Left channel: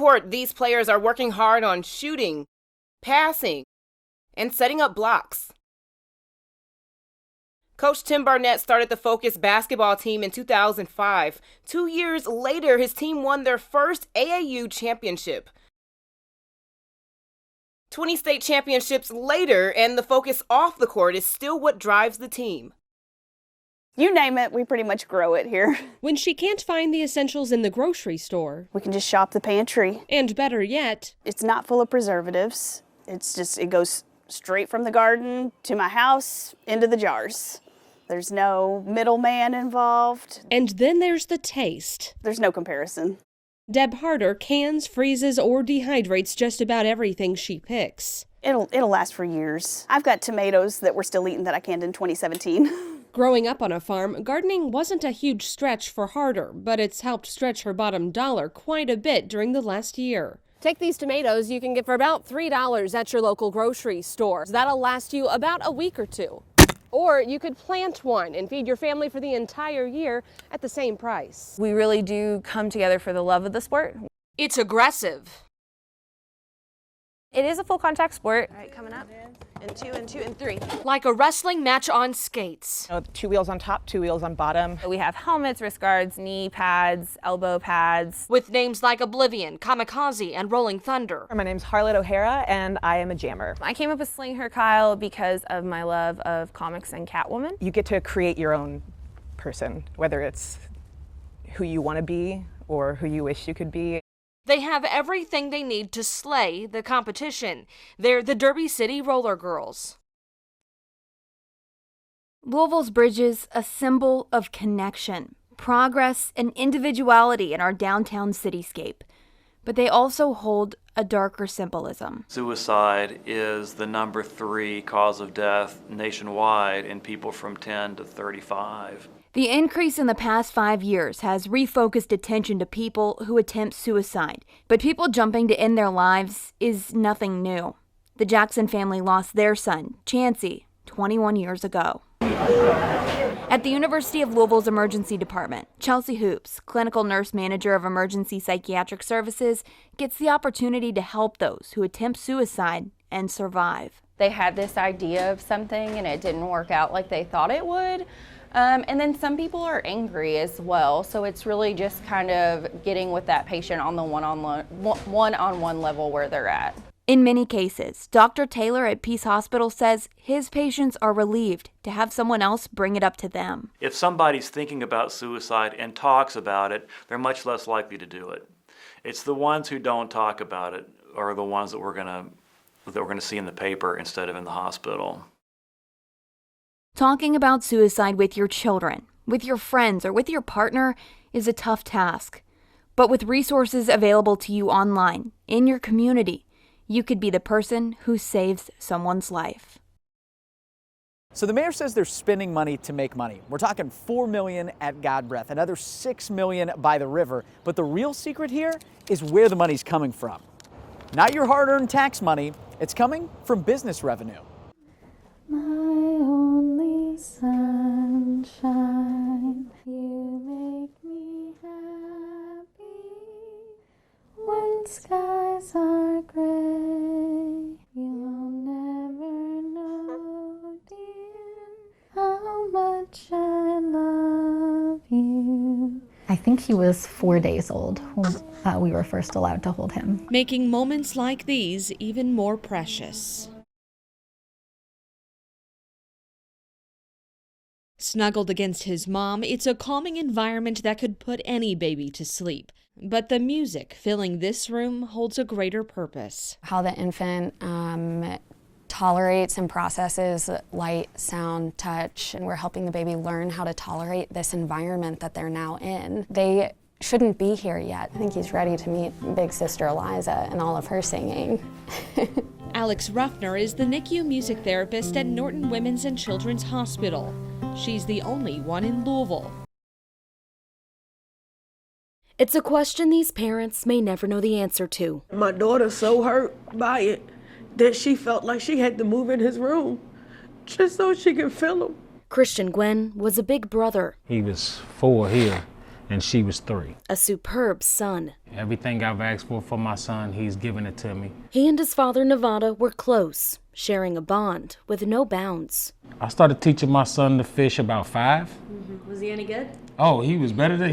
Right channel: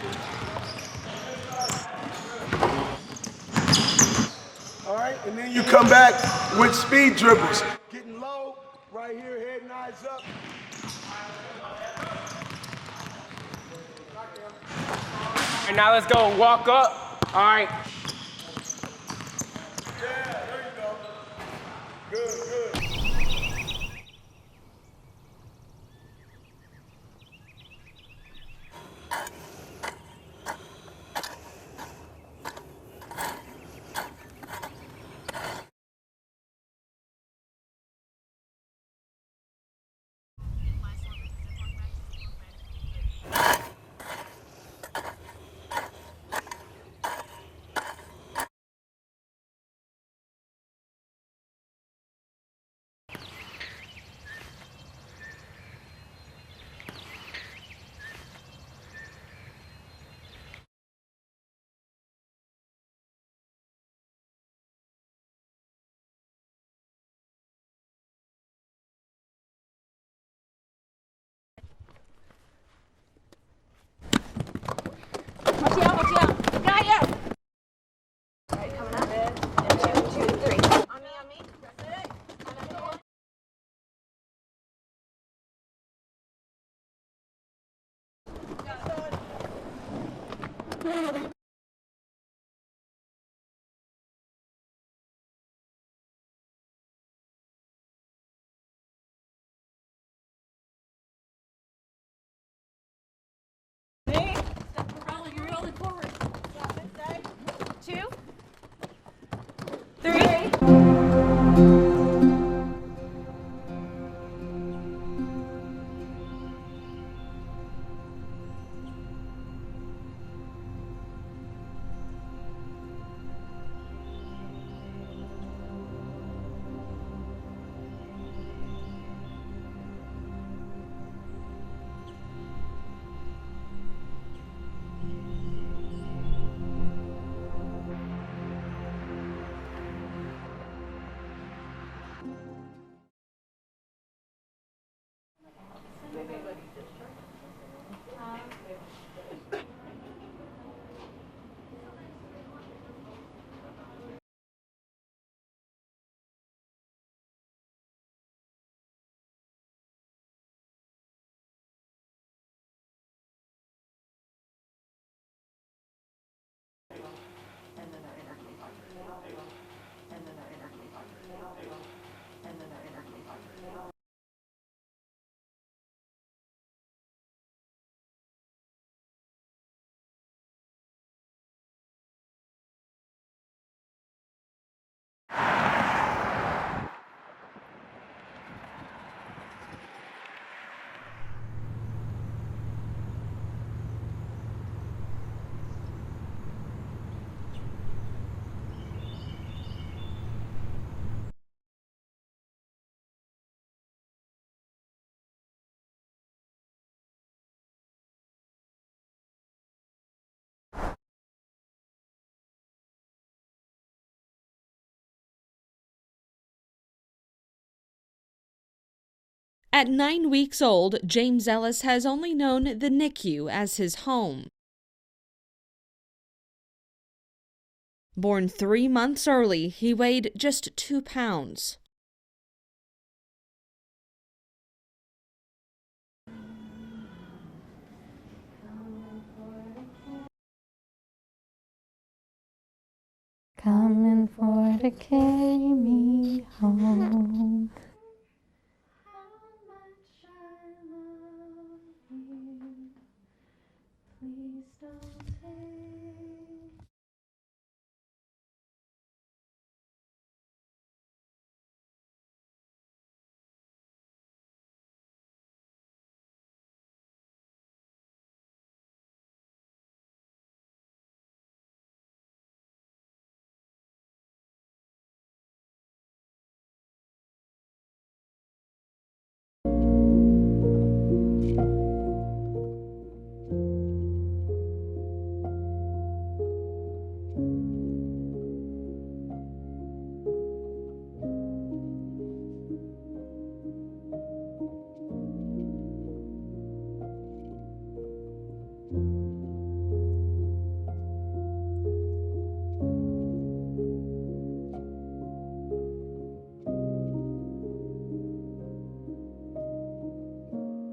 court, these players are working hard on shooting, passing, and setting up blocks. And then you come back with speed dribbles. Coach Tim Barnett started the Focus basketball team in 2005. 2 years later, his team won their first AAU championship. And now let's go walk up. All right. 20 state championships later, and the focus off the court is still what drives the team. You name it, we pretty much grow it here. When she can't find the essentials in the grocery store. We can just shop the pantry. And better yet, it's not full of preservatives. It goes straight from the garden to my house into the jars. There's no middleman involved. And then there's the taste. There's no comparison. Deb Harder cans, freezes, or dehydrates just about everything she picks. It'll last for years. I've got tomatoes that we're still eating that I canned in 2017. Growing up on a farm, gardening wasn't a huge stretch for Harder, but it's helped stretch her bottom dollar quite a bit during the last year. Take these tomatoes you can get for about $3 at your local grocery store. That'll last you about a week or two. Or you could plant one and feed your family for the entire year at the same price. We really do come together for the love of the sport. It's aggressive. Watch out. Got you. It is a full contact sport. All right, coming up. And 2 and 3. Like a wrestling match on skates. 2 wheels on top, 2 wheels on bottom. We have helmets, wrist guards, knee pads, elbow pads. With names like Oblivion, Kamikaze, and Rolling Thunder. My name's Harlot O'Hara, and I am a jammer. I came up with Sling Her Kyle because of my love of comics and Catwoman. You get to create your own person, whether it's who you want to be or who you wish you could be. They have everything they need to slay the competition. They're the Derby City Roller Girls. 3. Louisville's bridges, a symbol of connection, progress, and individuality in our downtown cityscape. But they also hold a darker symbolism. Suicide is the number 3 cause of death nationwide in people from 10 to 35. The increase in the past 5 years has refocused attention to people who attempt suicide, but people jumping to end their lives is nothing new. The Jackson family lost their son, Chancey, 21 years ago. At the University of Louisville's emergency department, Chelsea Hoops, clinical nurse manager of emergency psychiatric services, gets the opportunity to help those who attempt suicide and survive. They had this idea of something and it didn't work out like they thought it would. And then some people are angry as well, so it's really just kind of getting with that patient on the one-on-one level where they're at. In many cases, Dr. Taylor at Peace Hospital says his patients are relieved to have someone else bring it up to them. If somebody's thinking about suicide and talks about it, they're much less likely to do it. It's the ones who don't talk about it are the ones that we're gonna see in the paper instead of in the hospital. Talking about suicide with your children, with your friends, or with your partner is a tough task. But with resources available to you online, in your community, you could be the person who saves someone's life. So the mayor says they're spending money to make money. We're talking $4 million at God Breath, another $6 million by the river. But the real secret here is where the money's coming from. Not your hard-earned tax money, it's coming from business revenue. Sunshine. At 9 weeks old, James Ellis has only known the NICU as his home. When skies are gray, Born 3 months early, he weighed just 2 pounds. how much I love you. I think he was 4 days old when we were first allowed to hold him. Making moments like these even more precious. Coming for to carry me home. Snuggled against his mom, it's a calming environment that could put any baby to sleep. But the music filling this room holds a greater purpose. How the infant tolerates and processes light, sound, touch, and we're helping the baby learn how to tolerate this environment that they're now in. They shouldn't be here yet. I think he's ready to meet big sister Eliza and all of her singing. Alex Ruffner is the NICU music therapist at Norton Women's and Children's Hospital. She's the only one in Louisville. It's a question these parents may never know the answer to. My daughter's so hurt by it that she felt like she had to move in his room just so she could feel him. Christian Gwen was a big brother. He was 4 here, and she was 3. A superb son. Everything I've asked for my son, he's given it to me. He and his father, Nevada, were close, sharing a bond with no bounds. I started teaching my son to fish about 5. Was he any good? Oh, he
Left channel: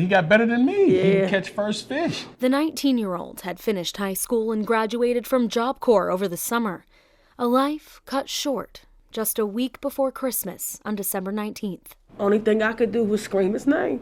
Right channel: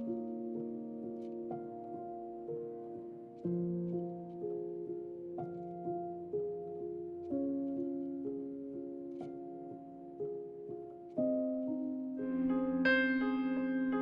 got better than me. He Yeah. could catch first fish. The 19-year-old had finished high school and graduated from Job Corps over the summer. A life cut short just a week before Christmas on December 19th. Only thing I could do was scream his name.